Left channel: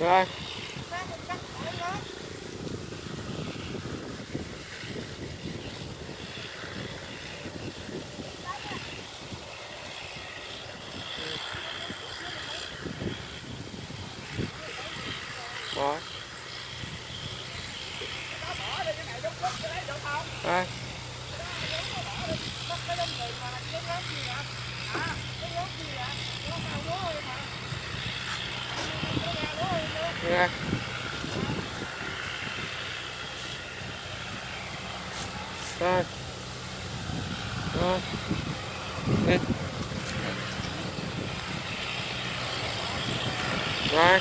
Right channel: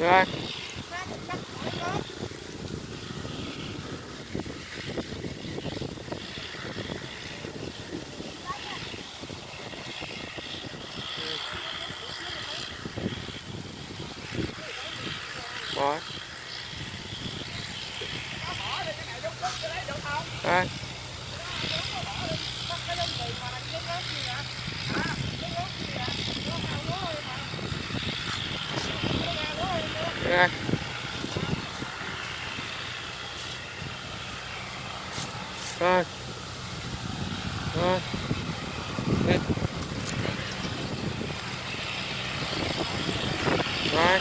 Rồi. Rồi. Rồi. Rồi. Rồi. Rồi. Rồi.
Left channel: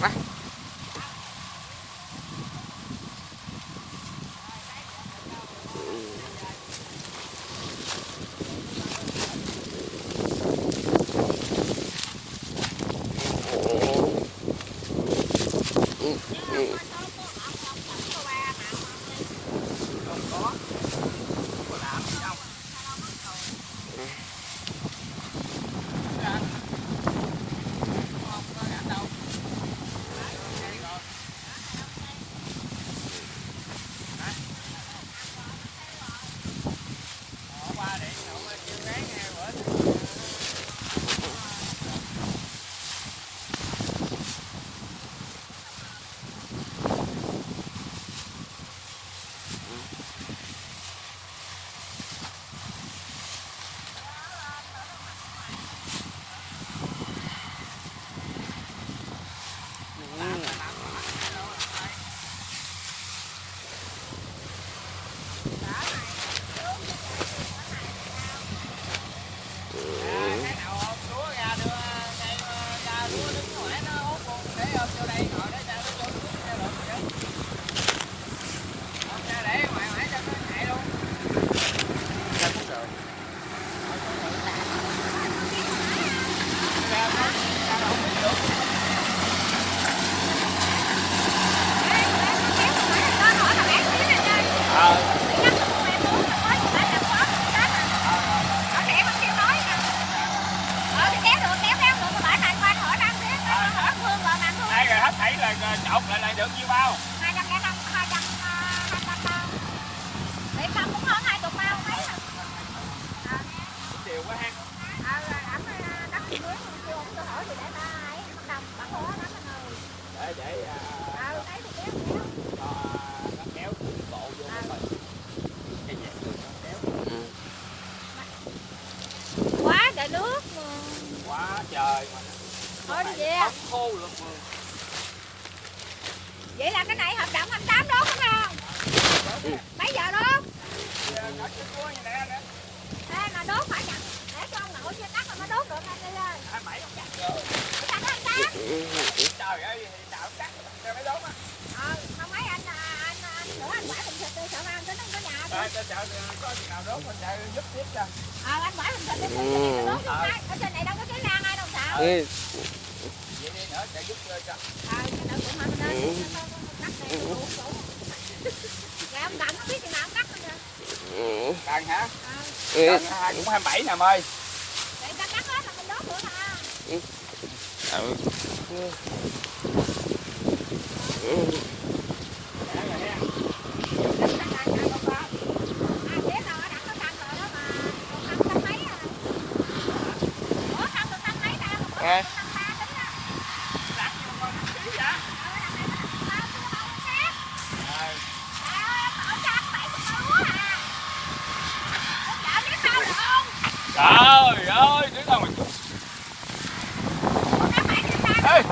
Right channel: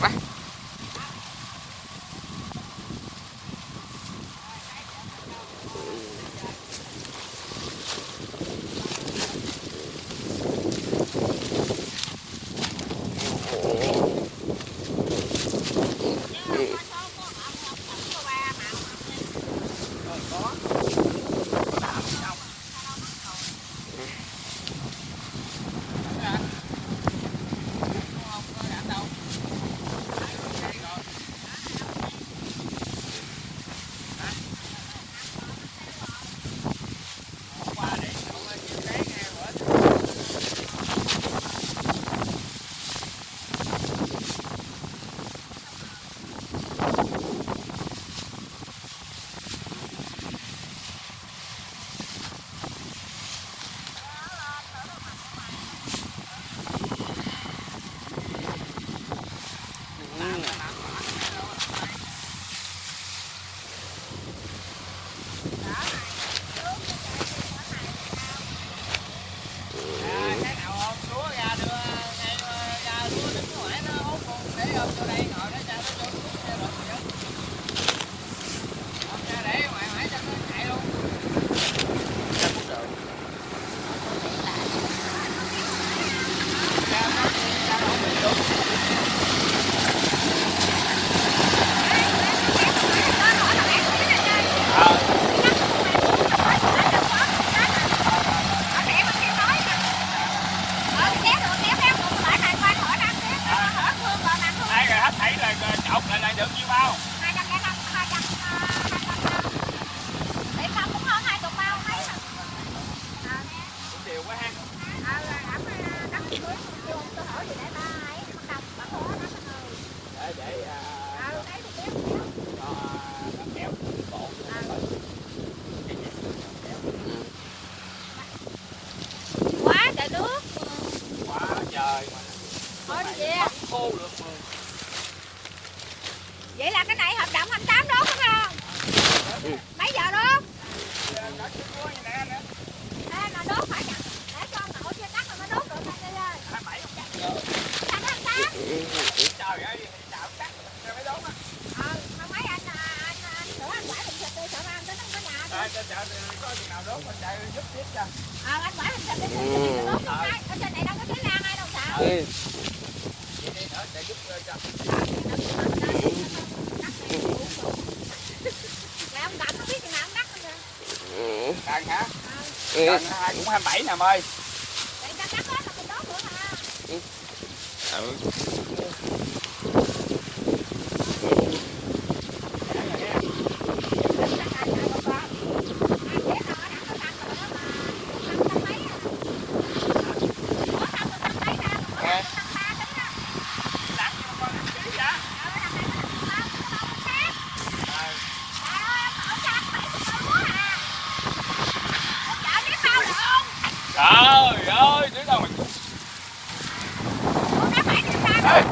bắt. Thấy là chọc lại được nhiêu bao? 205, 200. Để không cũng hơn 20 bao thấy. Cũng đều quá ha. Bắt mới chưa tôi hỏi thì để ba ấy bắt khó đó con ơi. Để Thấy thì kéo. cho nó kéo từ cái cổ vô cái mình. Quá trời nước. Quá trời mà. Thôi đi về. Khô được. Vậy là cái này hợp đồng 28 đó đúng không? Mấy giờ đó? Ê, mà đốt phải chặt. Để cho nổi chưa tắt mà đốt được anh đi ơi. 27 không cắt rồi. Chặt 28. Trời ơi, chảo cắt cho mấy đốt. Không mấy anh sửa anh quả hình thịt đi, sợ ăn tới cái nhà đi. Có gì nào đốt mình đây giúp cho. Anh quả hình thịt đi, đốt cái. Ở trên này đâu có cháy lan ai đâu sợ. Dạ ông Đậm không biết chừng nào ông cắt nữa. Cần hả? Cần cũng 27 nè em ơi. Vậy ta cắt hết là mình đốt nữa mà. Trời ơi, chứ đâu mình. Ê.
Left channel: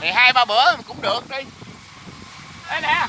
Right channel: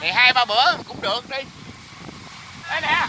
Thì 2-3 bữa cũng được đi. Đây nè.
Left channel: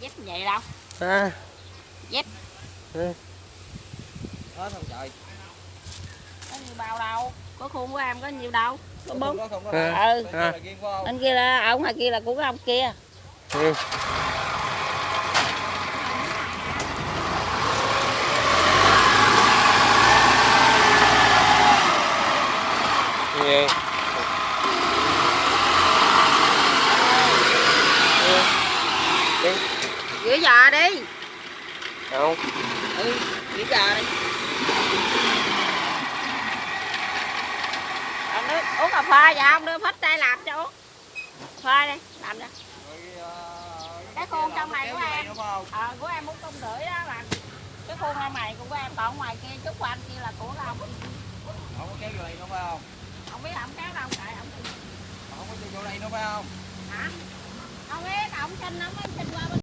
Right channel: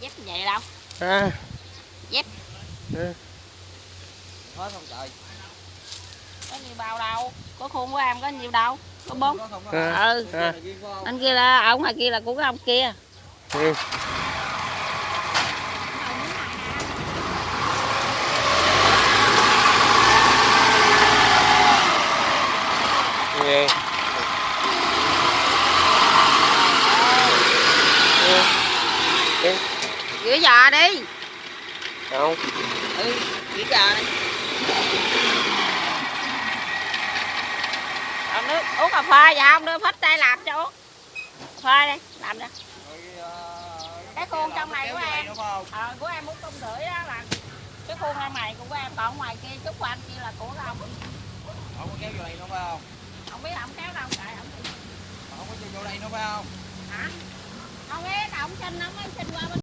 Dép như vậy đâu. À. Dép. Ừ. Hết không trời. Có nhiều bao đâu. Có khuôn của em có nhiều đâu. Có 4. À. Ừ. À. Anh kia là ông ngoài kia là của cái ông kia. Ừ. Gì? Đi. Rửa giò đi. Không. Ừ, rửa giò đi. Ông nước uống cà phê vậy không? Đưa phết đây làm cho uống. Phê đi, làm cho. Cái khuôn trong này của em. Của em 4,5 đó là cái khuôn ra mày của em, còn ngoài kia chút của anh kia là của ông. Không có kéo vô đây nữa phải không? Không biết ông kéo đâu chạy ổng đi. Không có vô đây nữa phải không? Hả? Không biết ổng xin nó mới xin qua bên